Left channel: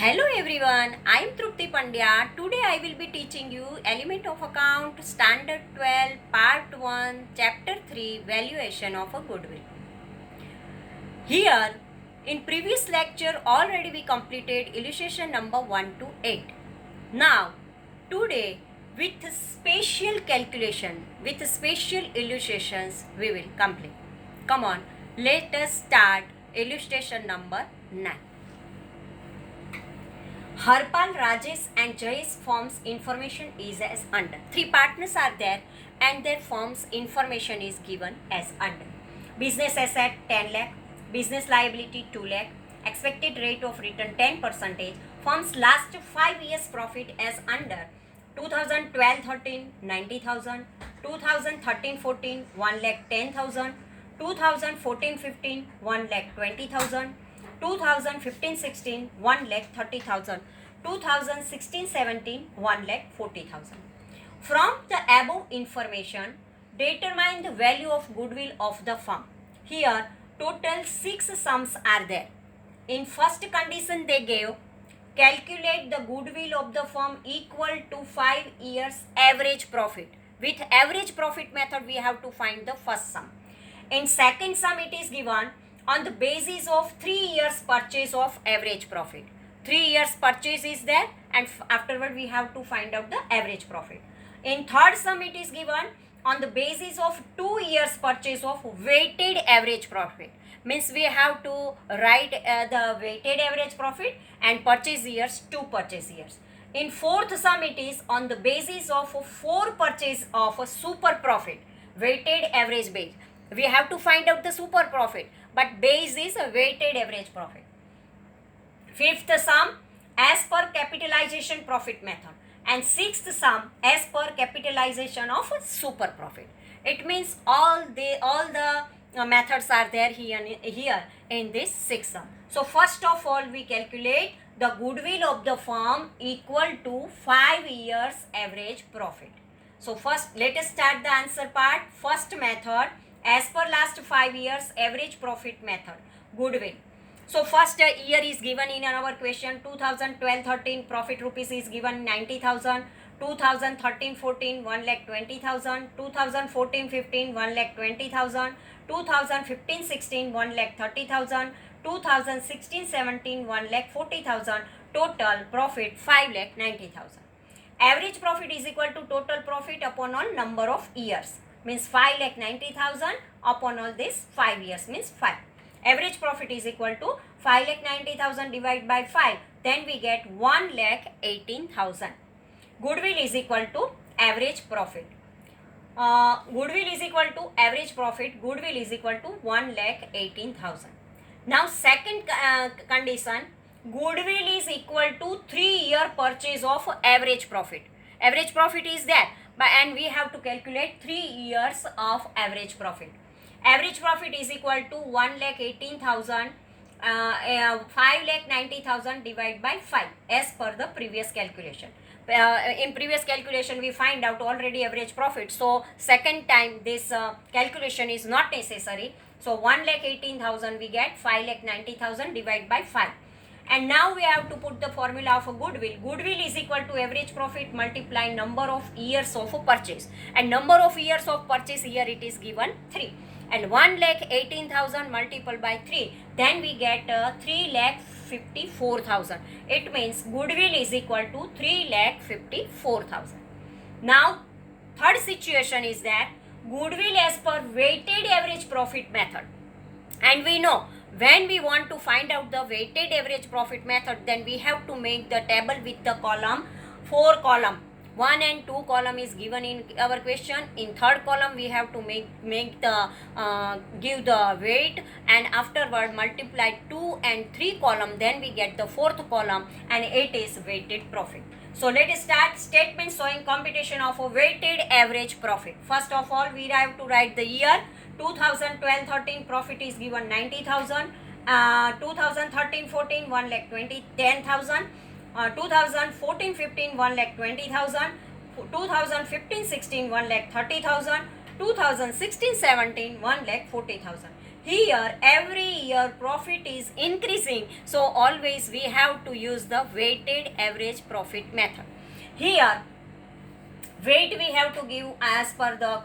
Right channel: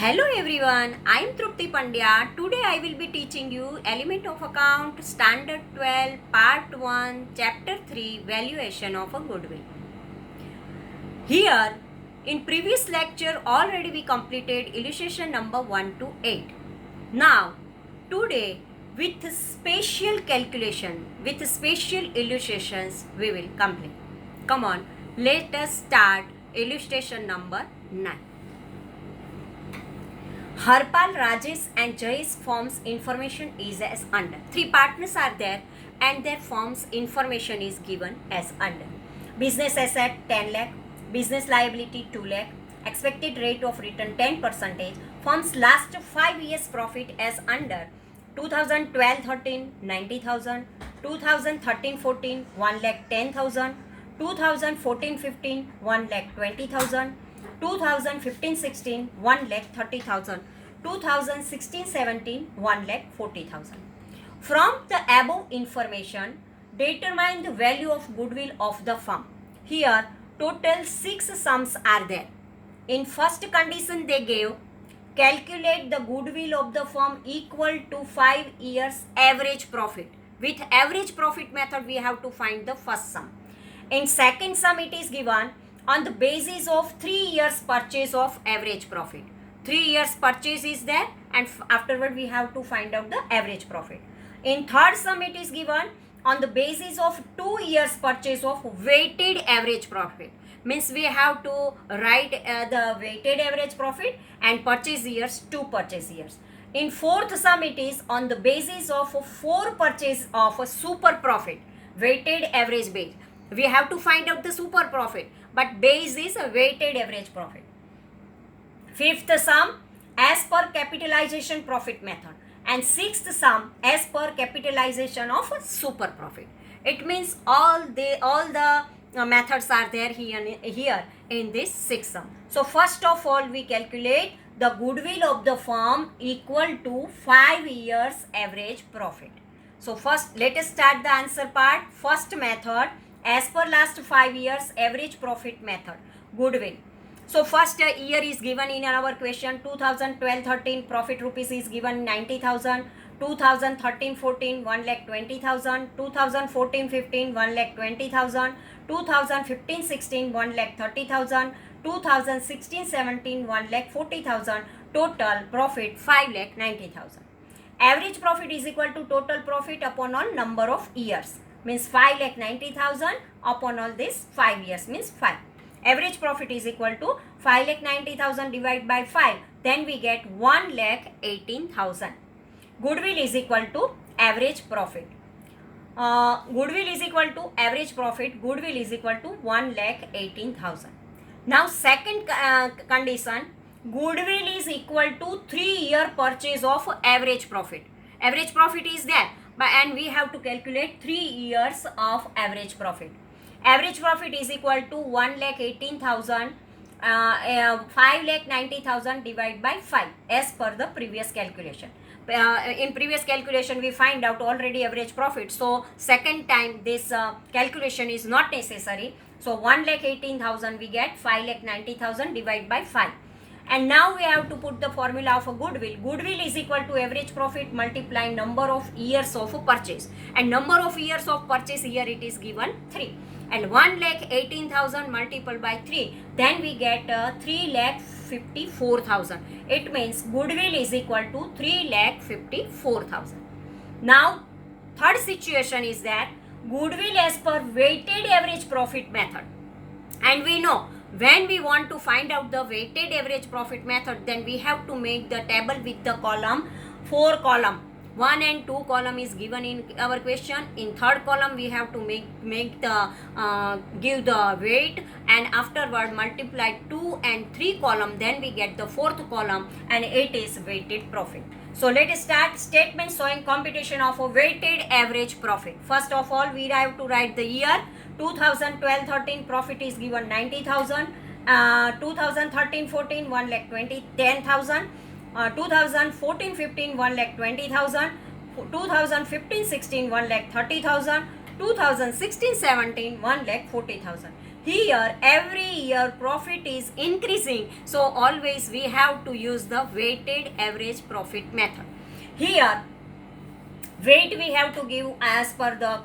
Hello everyone, I am Trupti Pandya. Today I will be teaching you Element of Account Standard 12 Part 1 Chapter 3 Valuation of a Goodwill. Here in previous lecture already we completed illustration number 1 to 8. Now today with spatial calculation, with spatial illustrations we will complete. Come on, let us start illustration number 9. Harpal, Rajesh and Jayesh firm's information is as under. Three partners are there and their firm's information is given as under. Business asset 10 lakh, business liability 2 lakh, expected rate of return 10%, firm's last 5 years profit as under. 2012-13 90,000, 2013-14 1 lakh 10,000, 2014-15 1 lakh 20,000, 2015-16 1 lakh 30,000, 2016-17 1 lakh 40,000. From the above information, determine the value of goodwill of the firm. Here, total 6 sums are there. In first condition they gave, calculate the goodwill of the firm equal to 5 years average profit. With average profit method, we have to find the first sum. In second sum, it is given on the basis of 3 years purchase of average profit. 3 years purchase is there and afterward we have to find out the average profit. In third sum, it is given on the basis of 2 years purchase of weighted average profit. Means we have to write the weighted average profit and purchase years, 2 purchase years. In fourth sum, it is on the basis of 4 purchase of a super profit, weighted average base. We have to find out the super profit, but base is a weighted average profit. Fifth sum as per capitalization profit method, and sixth sum as per capitalization of super profit. It means all the methods are there here in this sixth sum. So first of all, we calculate the goodwill of the firm equal to 5 years average profit. So first let us start the answer part. First method, as per last 5 years average profit method, goodwill. So first year is given in our question. 2012-13 profit rupees is given 90,000. 2013-14 1 lakh 20,000. 2014-15 1 lakh 20,000. 2015-16 1 lakh 30,000. 2016-17 1 lakh 40,000. Total profit 5 lakh 90,000. Average profit is equal to total profit upon all number of years. Means 5 lakh 90,000 upon all this 5 years means 5. Average profit is equal to 5 lakh 90,000 divided by 5. Then we get 1 lakh 18,000. Goodwill is equal to average profit. Goodwill is equal to average profit. Goodwill is equal to 1 lakh 18,000. Now second condition, goodwill is equal to 3-year purchase of average profit. Average profit is there, and we have to calculate 3 years of average profit. Average profit is equal to 1 lakh 18,000, 5 lakh 90,000 divided by 5 as per the previous calculation. In previous calculation we find out already average profit, so second time this calculation is not necessary. So 1 lakh 18,000 we get 5 lakh 90,000 divided by 5. And now we have to put the formula of a goodwill. Goodwill is equal to average profit multiply number of years of purchase. And number of years of purchase here it is given 3. And 1 lakh 18,000 multiplied by 3. Then we get 3 lakh 54,000. It means goodwill is equal to 3 lakh 54,000. Now third situation is that goodwill as per weighted average profit method. And we know when we want to find out the weighted average profit method, then we have to make the table with the column 4 column. 1 and 2 column is given in our question. In third column we have to make the give the weight, and afterward multiply 2 and 3 column, then we get the fourth column and it is weighted profit. So let us start. Statement showing computation of a weighted average profit. First of all, we have to write the year. 2012-13 profit is given 90,000. 2013-14 1 lakh 10,000. 2014-15 1 lakh 20,000. 2015-16 1 lakh 30,000. 2016-17 1 lakh 40,000. Here every year profit is increasing, so always we have to use the weighted average profit method. Here weight we have to give as per the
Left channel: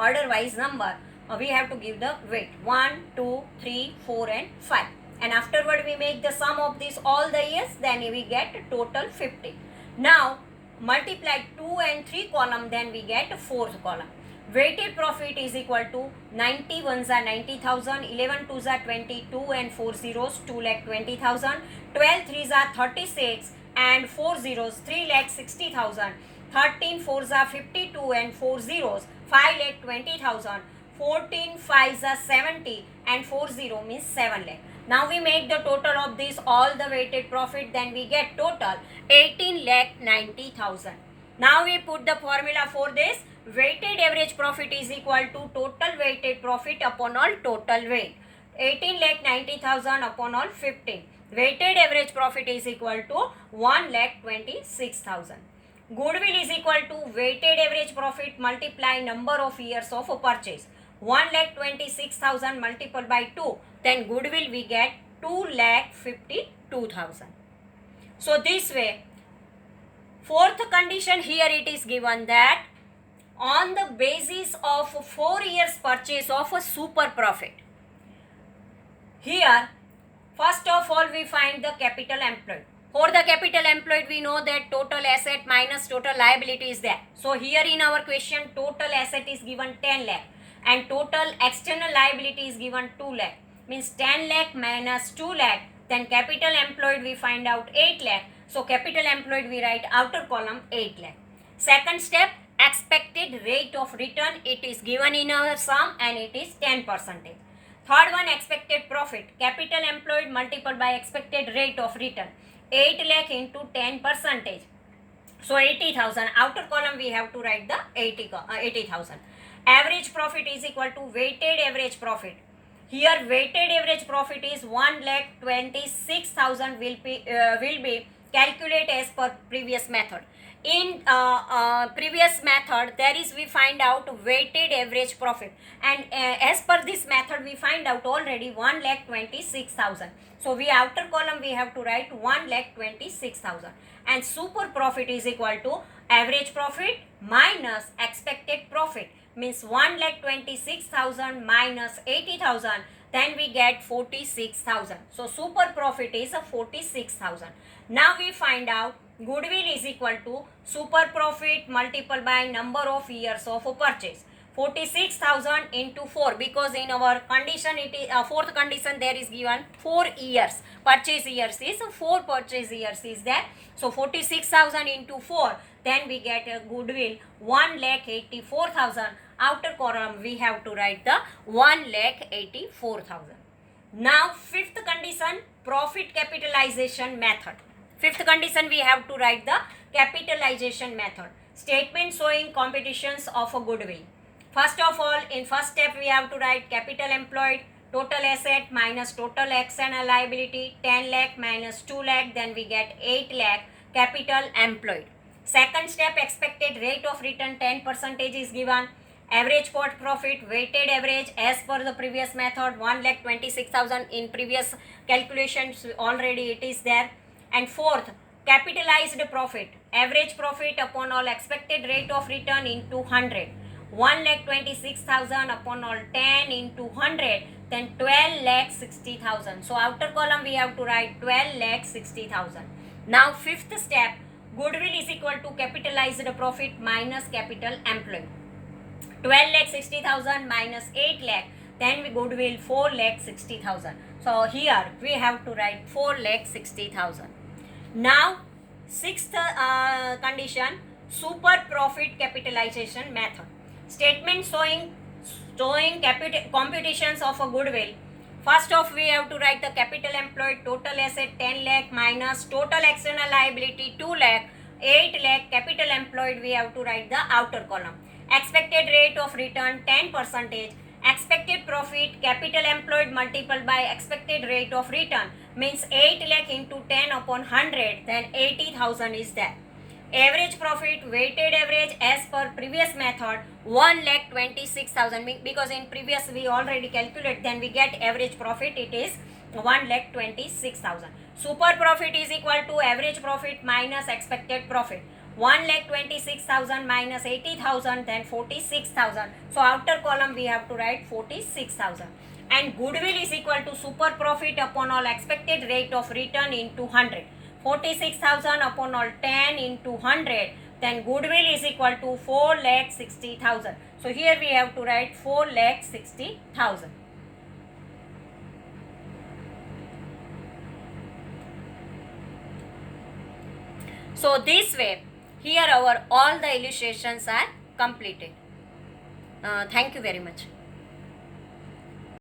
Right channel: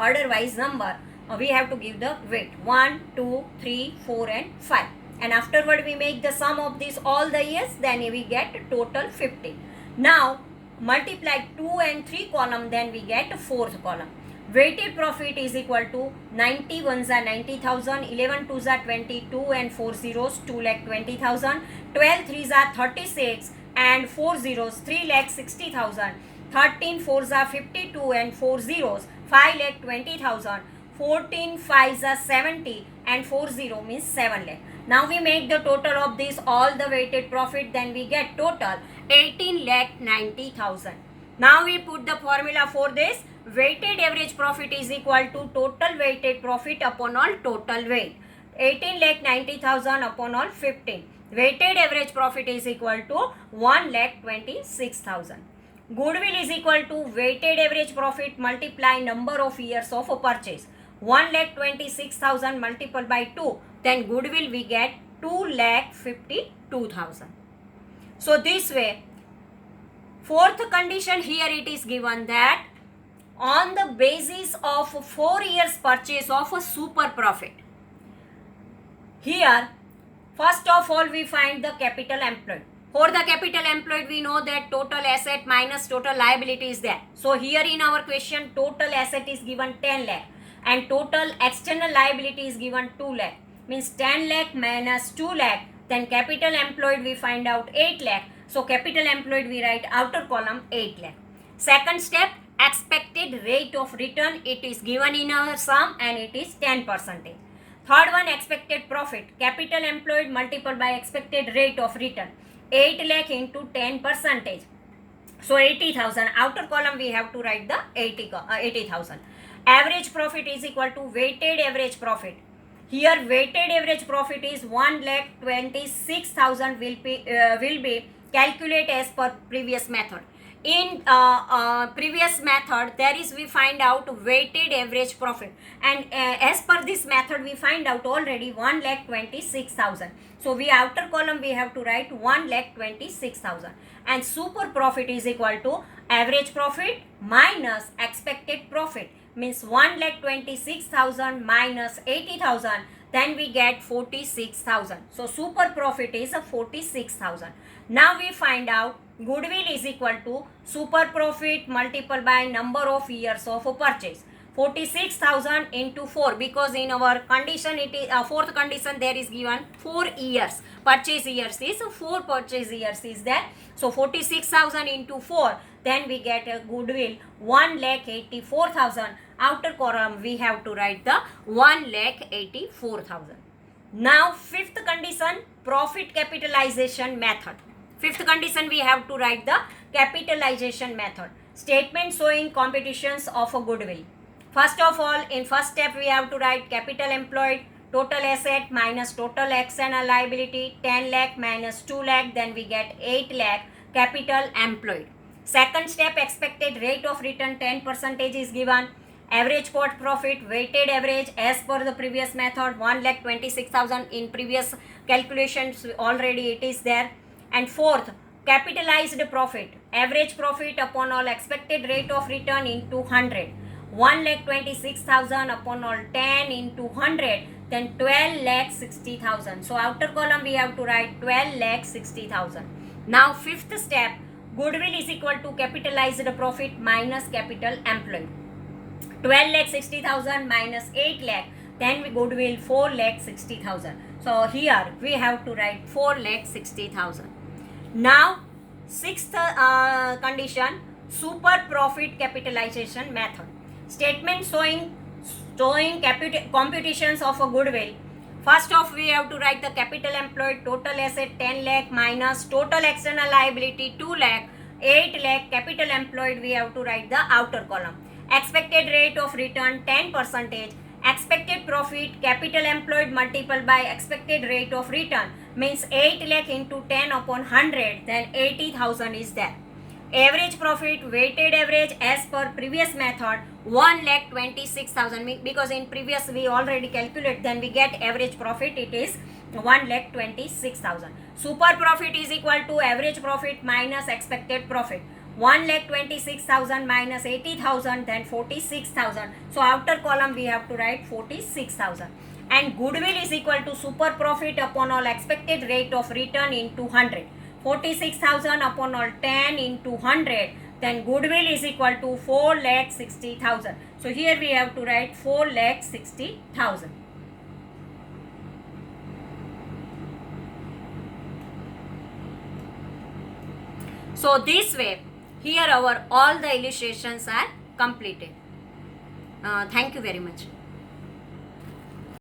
order wise number. We have to give the weight 1, 2, 3, 4 and 5, and afterward we make the sum of these all the years, then we get total 50. Now multiply 2 and 3 column, then we get fourth column. Weighted profit is equal to 90 ones are 90,000, 11 twos are 22 and 4 zeros 2,20,000, 12 threes are 36 and 4 zeros 3,60,000, 13 fours are 52 and 4 zeros 5,20,000, 14 fives are 70 and 4 zero means 7 lakh. Now we make the total of this all the weighted profit, then we get total 18,90,000. Now we put the formula for this. Weighted average profit is equal to total weighted profit upon all total weight. 18,90,000 upon all 15. Weighted average profit is equal to 1,26,000. Goodwill is equal to weighted average profit multiply number of years of purchase. 1,26,000 multiplied by 2, then goodwill we get 2,52,000. So this way, fourth condition here it is given that on the basis of 4 years purchase of a super profit. Here first of all we find the capital employed. For the capital employed we know that total asset minus total liability is there. So here in our question total asset is given 10 lakh and total external liability is given 2 lakh. Means 10 lakh minus 2 lakh, then capital employed we find out 8 lakh. So capital employed we write outer column 8 lakh. Second step, expected rate of return, it is given in our sum and it is 10%. Third one, expected profit, capital employed multiplied by expected rate of return, 8 lakh into 10%. So 80,000, outer column we have to write the 80,000. Average profit is equal to weighted average profit. Here weighted average profit is 1,26,000 will be calculated as per previous method. In previous method there is we find out weighted average profit, and as per this method we find out already 1,26,000. So we outer column we have to write 1,26,000, and super profit is equal to average profit minus expected profit, means 1,26,000 minus 80,000, then we get 46,000. So super profit is 46,000. Now we find out goodwill is equal to super profit multiplied by number of years of purchase. 46,000 into 4, because in our condition it is fourth condition there is given 4 years. Purchase years is 4 purchase years is there. So 46,000 into 4, then we get a goodwill 1,84,000. Outer column we have to write the 1,84,000. Now fifth condition, profit capitalization method. Fifth condition we have to write the capitalization method. Statement showing competitions of a goodwill. First of all, in first step we have to write capital employed, total asset minus total external liability, 10 lakh minus 2 lakh, then we get 8 lakh capital employed. Second step, expected rate of return 10% is given. Average pot profit, weighted average as per the previous method, 1,26,000 in previous calculations already it is there. And fourth, capitalized profit, average profit upon all expected rate of return into 100. 1,26,000 upon all 10 into 100, then 12,60,000. So outer column we have to write 12,60,000. Now fifth step, goodwill is equal to capitalized profit minus capital employed. 12,60,000 minus 8 lakh, then we goodwill 4,60,000. So here we have to write 4,60,000. Now sixth condition, super profit capitalization method. Statement showing computations of a goodwill. First off we have to write the capital employed, total asset 10 lakh minus total external liability 2 lakh, 8 lakh capital employed we have to write the outer column. Expected rate of return 10%. Expected profit, capital employed multiplied by expected rate of return, means 8 lakh into 10 upon 100, then 80,000 is there. average profit, weighted average as per previous method, 1,26,000, because in previous we already calculate, then we get average profit, it is 1,26,000. Super profit is equal to average profit minus expected profit. 1,26,000 minus 80,000, then 46,000. So after column we have to write 46,000. And goodwill is equal to super profit upon all expected rate of return into 100. 46,000 upon all 10 into 100. Then goodwill is equal to 4,60,000. So here we have to write 4,60,000. So this way, here our all the illustrations are completed. Thank you very much.